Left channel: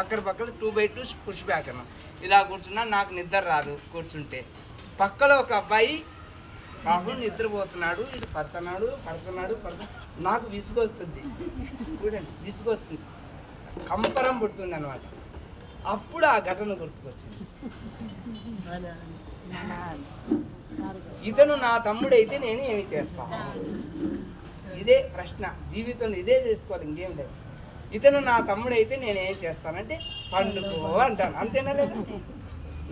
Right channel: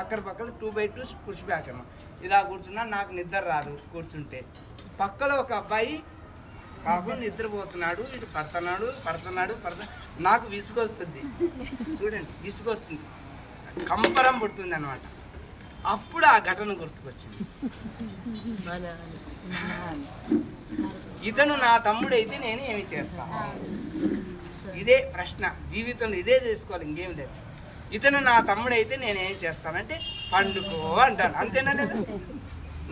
పక్కన 2x2 push back అన్న. ఇలా కూర్చున్నా నాకు నిద్ర రాదు కూర్చుంటే. పక్కలో ఒక అబ్బాయి పాపం నిద్రపోతున్నాడు, ఇటు పడుతున్నాడు. నాకు విసుగొస్తుంది, చూడండి విసుగొస్తుంది, కంపరం పుడుతుంది అనమాట. అప్పుడు ఆ ఘటన గుర్తుకొచ్చింది. ఇతను నా తమ్ముడైతే నేను ఏమి చేస్తాను? ఇదే ప్రశ్న జీవితంలో, ఇదే చేసుకోవాలి, ఇంకేం లేదు. ఇతను నా తమ్ముడైతే నేనేం చేస్తానంటే పండుకో అంటాను, అంతేనా లేదా?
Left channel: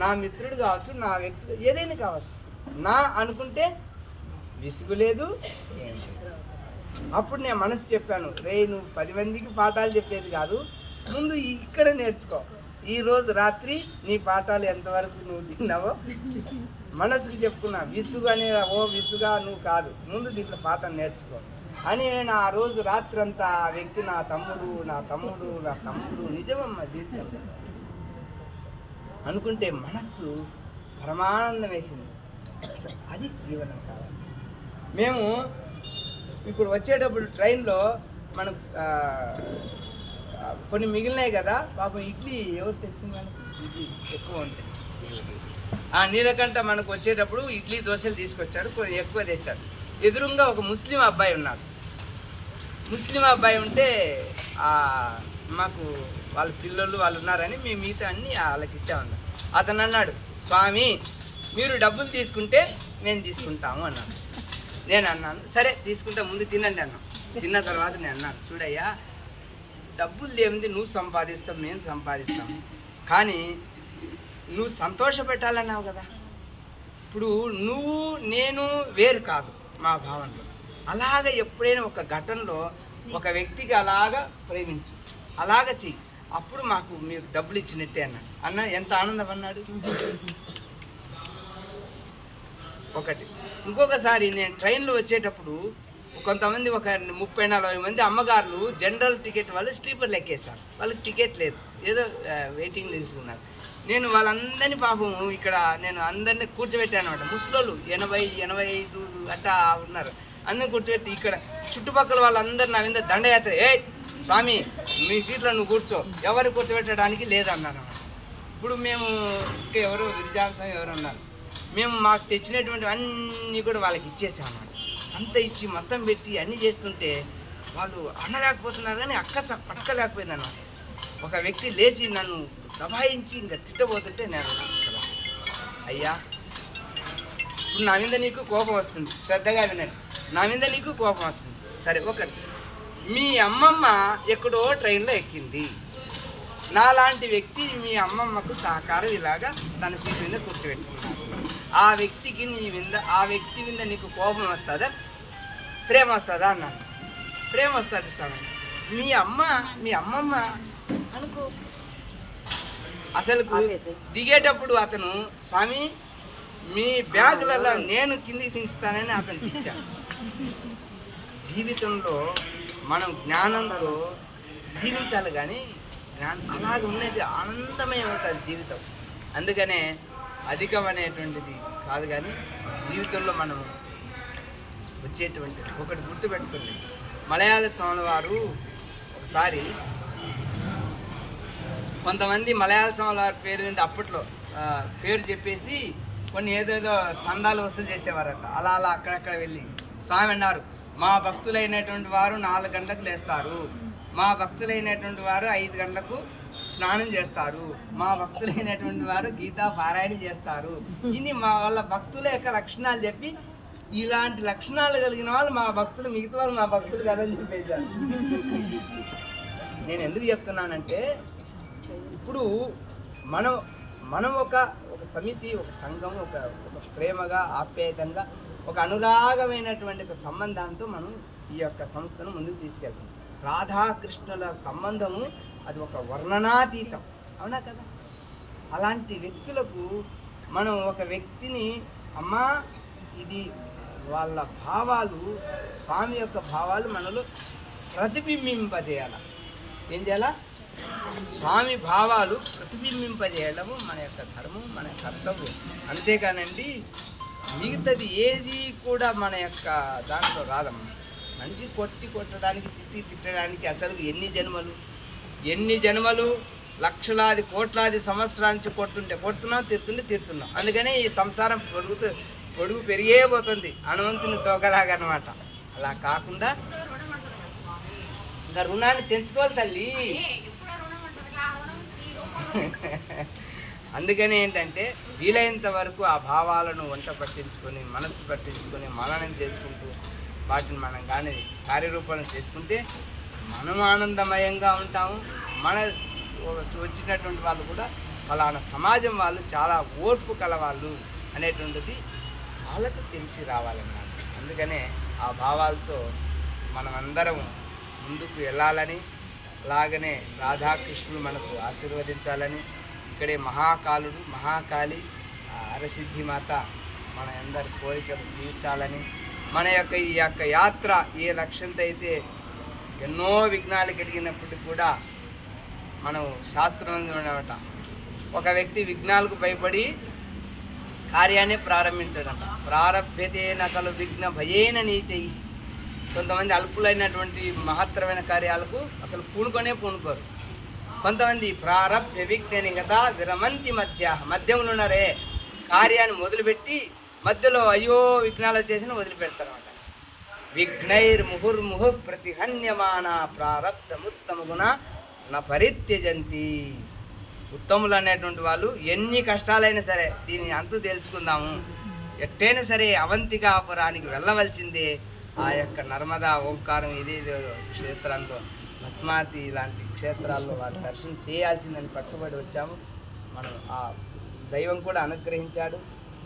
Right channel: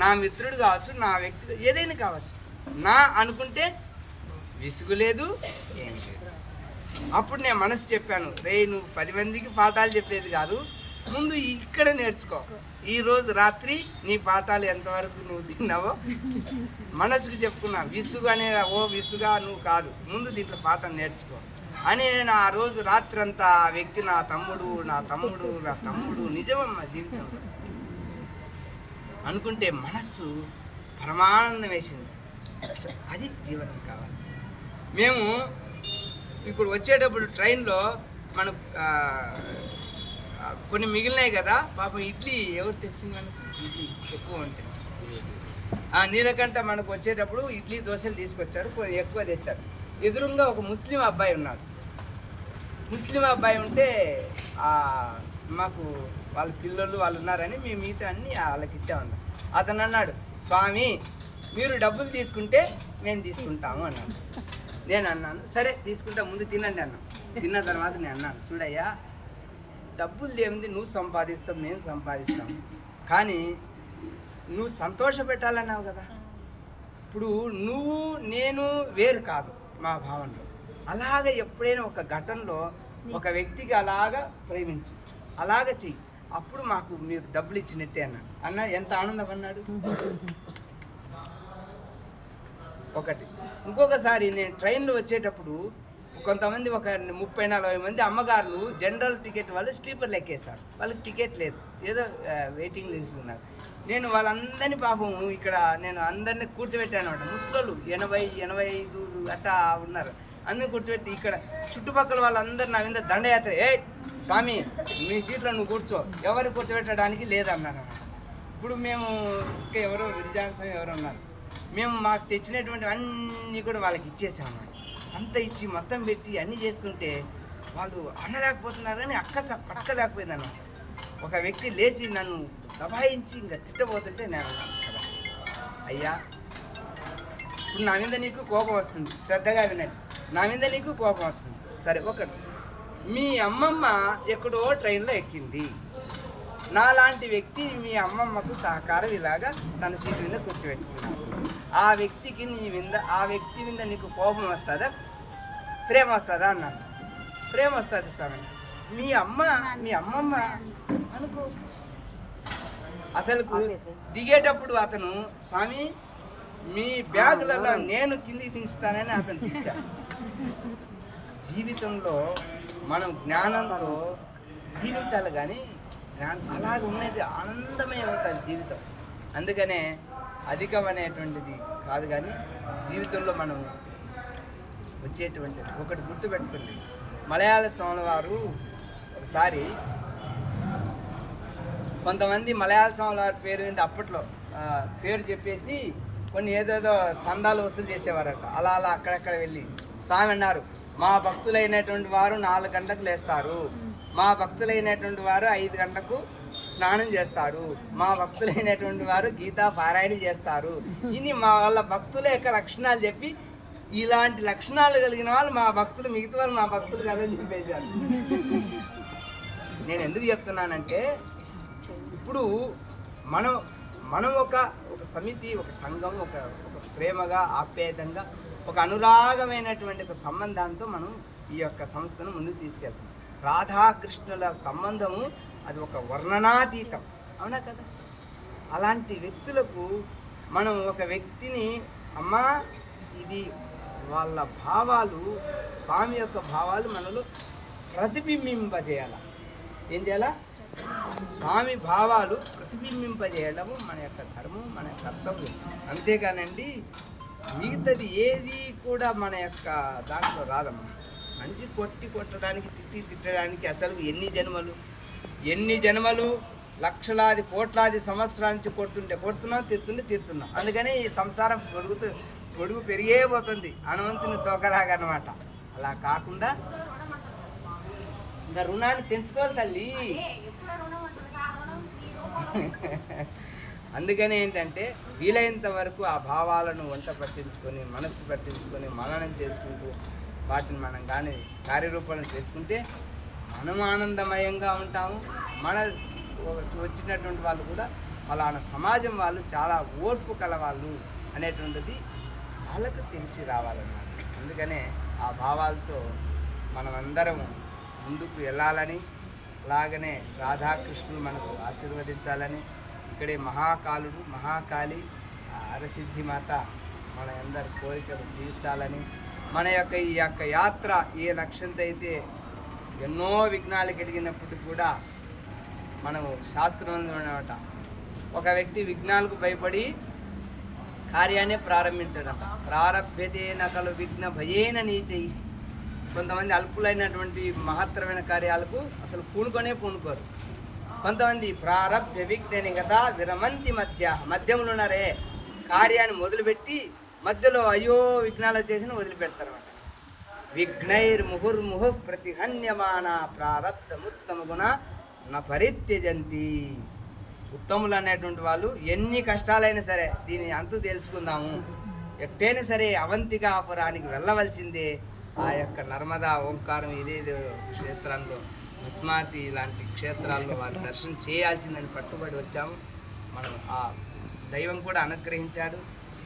నా మిత్రుడు కావచ్చు, నా వ్యక్తి ఏదైనా కావచ్చు, నా అనుకుంటే విసుగు లేదు, ఏం లేదు. అప్పుడు నేను మనసు చెప్పాను, రే నువ్వు 10 మందికి పాఠాలు చెప్పేది కాదు, ముందు ఇక్కడ నేర్చుకో. ఈరోజు రాత్రి నీ పాఠాలు ఎంతవరకు నువ్వు తిన్నావో మనసుకు చెప్పుకున్నా. విసుగు అనే విసుగా నువ్వు కాదు, ముందు దీంట్లో పాఠం నేర్చుకో అని నేను ఆ రోజు రాత్రి అంతా ఆ వ్యక్తి నా తమ్ముడు నిజమమ్మా జీవితంలో అనుకుంటే మనస్సు పరమానందం వేసింది. అది జీవనం కావాలి. మేము ఇప్పుడు వచ్చేటప్పుడు ట్రైన్లో మనం కొన్ని మిగిలినాయి కదా, పాపం ఇడ్లీ ఎవరు తెచ్చింది మనకు? ఇడ్లీ ఎక్కువ ఉంటాయి. నీలకంఠ మనకు వచ్చేటప్పుడు ఇడ్లీ దోశలు తీసుకొచ్చారు, కొన్ని ఎక్కువ తెచ్చారు. ఎదురుగా ఒక ముస్లిం అబ్బాయి ఉన్నాడు. ముస్లిం అబ్బాయి ఉంటే మాకు వాళ్ళ పిల్లలు వాళ్ళు ఉన్నారని మేము మిగతా అన్ని వాళ్ళకి ఇచ్చామన్నారు. అతను అన్నాడు, స్వామి మీరు డబ్బులు తీసుకుంటే మేము తీసుకుంటాము అన్నాడు. నేను అన్నాను, సరే తీసుకుంటా, ముందు తినండి అన్నాను. తిన్న తర్వాత నేను అన్నాను, చూడయ్యా డబ్బులు ఏముంది, నువ్వు సంపాదిస్తావు, మేము సంపాదిస్తాము, కానీ నువ్వు సంతోషపెట్టాలన్నావు కదా. ఇప్పుడు నువ్వు నేను వేరు కాదు మా భావనలో. అలాగ ఎప్పుడైనా ఒక ఘటనలో ఒక వ్యక్తికి అలాగా ప్రేమించు, అలాగ చెయ్యి, అప్పుడు మాకు మీరు డబ్బులు ఇచ్చినట్టే అన్న ఎంత ఆనందం అన్నాడు. ఒకటి. ఇంకొకసారి నేను ట్రైన్లో వచ్చేటప్పుడు కొంతమంది ఒక 30-40 మంది అమ్మగారులు జనరల్ టికెట్ వాళ్ళు స్లీపర్లు ఎక్కేశారు. వాళ్ళకి టికెట్ లేదు, ఏదో వెయిటింగ్ తీసుకున్నారు. నేను వాళ్ళందరినీ పాపం ఇక్కడ నేను అందరినీ కూర్చోబెట్టాను అనమాట. ముసలోళ్ళు 80-85 అట్టా ఉన్నారు. అందరిని కూర్చోబెట్టి ఇక్కడ చుట్టుపక్కల వాళ్ళందరూ నా మీద దండయాత్ర, స్వామి మీ సీట్లో నువ్వు కూర్చో, ఎవరు కూర్చోబెట్టడానికి లేదన్నాను అనమాట. ఇప్పుడు మేము ఇంకా ఎవరో విరిజాన్సం ఎవరు ఉన్నారు, మేము మాకు తెచ్చినటువంటి అన్నీ కూడా వాళ్ళకి ఇచ్చేసాం అన్నమాట. అంత ఇచ్చి మొత్తం పెట్టి అన్నీ చేస్తుంటే వాళ్ళు అనలేకపోతున్నారు, కానీ పట్టలేకపోయిందన్నమాట. ఒక వ్యక్తి లేచి నన్ను దబాయించి ఇంకా తిట్టబోతుంటే నేను అన్నాను కదా, అయ్యా ఇప్పుడు నా మీద నీకు కోపం వస్తుంది, శ్రద్ధగా వినండి, నా మీద నీకు కోపం వస్తుంది. సరే, ఒకటి, మీ అమ్మమ్మ ఎక్కడో ట్రైన్లో ఎక్కింది, నాలాంటి వ్యక్తి మీ అమ్మమ్మకు సహకారం ఇలాగా తన సీటు మీద కూర్చోబెట్టుకున్నాడు. ఆ వ్యక్తి మీద నీకు కోపం వస్తుందా, ప్రేమ వస్తుందా అన్నాను. ప్రేమ వస్తుంది స్వామి. మీ అమ్మమ్మ అనుకో. అసలు దిగేటప్పుడు అతను, స్వామి మీ బ్యాగులలో నేను కిందికి దించుతానని అతను దించాడు. జీవితంలో మనం జ్ఞానంతో జీవించాలి, కానీ అలాగ ఉన్నది ఆనందమయం అవుతుంది జీవితం. అందుకనే అధికం అనేటువంటిది కాదు, కానీ జీవితంలో మనం వచ్చేటువంటిది ఒకటి గుర్తుపెట్టుకుంది. మలయాళ స్వామి వారు ఒకసారి కొంతమంది మలయాళ స్వామి వారి పేరు మీద అప్పట్లో పేరు చెప్పేసి కొన్ని ఏదేదో సందాలు వసూలు చేసేవారట. అలా అక్కడక్కడ వెళ్ళి స్వామి అన్నారు, మా భక్తులైనటువంటి వారు 4 గంటలకు లేస్తారు, మా భక్తులైనటువంటి వారు 5 గంటలకు స్నానం చేస్తారు, మా భక్తులైనటువంటి వారు గీతా పారాయణ చేస్తారు. ఇన్ని వాళ్ళ భక్తుల యొక్క లక్షణాలు చెప్పి, ఇలాంటి లక్షణాలు కలిగిన వాళ్ళు మా భక్తులు, మిగతా వాళ్ళు మా భక్తులు కాదని చెప్పేశారు. నేను ఎందుకు చెప్తున్నానంటే, ఇప్పుడు మనం ఒక సమితి, ఒక సంఘం, ఒక ప్రేమగా, ఆప్యాయతంగా, ఒక అనురాగమైనటువంటి ఒక సంబంధాంతో మనం ఈ యొక్క సంస్థను ముందుకు తీసుకెళ్తాం. రాధాకృష్ణుల సంబంధము అది ఒక వర్ణనాతీతం, అవునా కదా? అలాంటి వ్యక్తులకు మనం ఒక వ్యక్తిని, అమ్మా ఇది వాళ్ళ భావాలు, స్వామి యొక్క భావాలు మనలో ప్రతిబింబింపజేయాల. ఏం చేయాలా? స్వామి భావాలు ప్రతిబింబింపజేయడము మన యొక్క ధర్మం, మన కర్తవ్యం. అంతేకానండి మిగతాది ఏది కూడా మన యొక్క దాంట్లో రాదమ్మా. మనిషి కొట్టడానికి, తిట్టడానికి అసలు ఎన్ని జన్మలు లక్షలాది కోట్లాది సంవత్సరాల నుంచి కొడుతున్నాం తీరుతున్నాం. అందుకని ఈ సంసారం పొడుగు పెరిగే పోతుంది, హనుమంతుని తోకలాగా అనమాట. అలా కాకుండా ఇంకా రుణాన్ని తెంచుకోవాలి తల్లి. అందుకని ఏంటంటే వీలైనంత వరకు ఆ భావాలను వంట పట్టించుకొని, మనస్సు పట్టించుకొని, మననం చేసుకుంటూ వాటిని మనం కానీ కార్యరూపం చేసుకుంటే మనం ఆనందమయంగా ఉంటాము. మన వచ్చినటువంటి వాళ్ళు కూడా ఫలానా సమాజం వాళ్ళు చాలా ఓర్పు కలవాళ్ళు అనేటువంటిది వాళ్ళకు తెలిసి రావాలన్నమాట. అందుకనే ఆ భావాలతో మనమందరం ముందుకు వెళ్ళాలని, అలాగనే రాధాకృష్ణులు మనకు ఆశీర్వదించాలని, ఇక్కడే మహాకాలుడు మహాకాళి అరసిద్ధి మాత మన అందరి కోరికలు తీర్చాలని, మన యొక్క ఈ యొక్క యాత్ర ఏ లక్ష్యంతో అయితే ఎన్నో విఘ్నాలు కలిగినప్పటికీ కూడా మనం శాస్త్రం అనమాట, ఒక వ్యక్తి విఘ్నాలకు భయపడి కార్యాన్ని ప్రారంభించడంట. ప్రారభ్యతే నకలు విఘ్న భయేన నీచై. కొంతమంది అల్పులైనటువంటి మహత్తరమైన కార్యాలకు అసలు పూనుకోరు. కొంతమంది ప్రారబ్ధ విఘ్న నిగత విరమంతి మధ్యంలో ఉన్నారే, కార్యాన్ని మొదలుపెట్టి మధ్యలో అయ్యో విఘ్నాలు వచ్చేసిన వదిలిపెడతారన్నమాట. విఘ్నైర్ముహుర్ముహు ప్రతిహన్యమాన ప్రారబ్ధముత్తమ గుణ నా పరిత్యజంతి. ఉత్తములు అనేటువంటి వాళ్ళు ఎన్ని కష్టాలైనా సరే దీని అంతు తెలుసుకుందాము, ఎట్టైనా సరే అవంతికాపురానికి వెళ్ళవలసిందే. ఆ యొక్క నర్మదా ఓంకారం ఇదేదో క్షేత్రంలో భస్మార్తి ఇలాంటి క్షేత్రాల్లో వాళ్ళు దర్శనం చేయాల్సిందని పట్టుబడి వచ్చాము. మనం ఆ దైవం కూడా అనుగ్రహించాడు,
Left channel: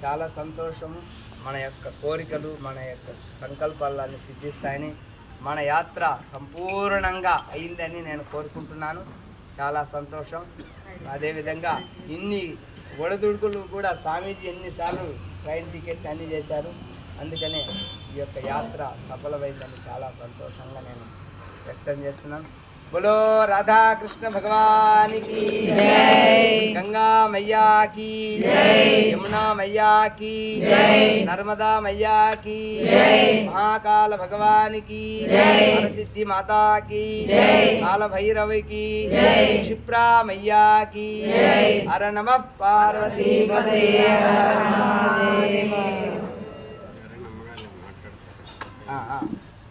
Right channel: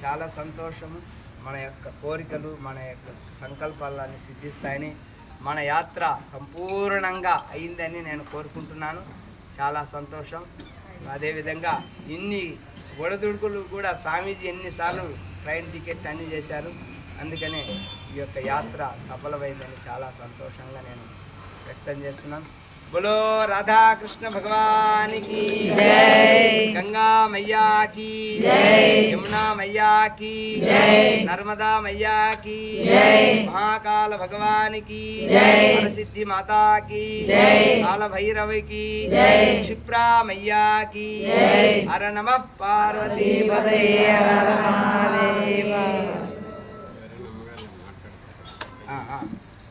చాలా సంతోషము. మన యొక్క కోరికలు, మన యొక్క సంకల్పాలన్నీ సిద్ధిస్తాయని, మన యాత్ర సంపూర్ణంగా అయిందని నేను కోరుకుంటున్నాను. చాలా సంతోషం. అదేవిధంగా ఇన్ని ఒడదుడుకులు కూడా స్వామీజీ ఎన్నిసార్లు ట్రైన్ టికెట్ అన్నీ చేశారు. అందుకనే ఈ యొక్క యాత్ర సఫలమైందని చాలా సంతోషంగా నేను వ్యక్తం చేస్తున్నాను. बोलो राधा कृष्ण भगवान की जय, गंगा मैया की जय, यमुना मैया की जय, नर्मदा मैया की जय, महाकाल भगवान की जय, हरसिद्धि माता की जय, काल भैरव की जय, क्षिप्रा मैया की जय। हर नमः पार्वती पते हर महादेव।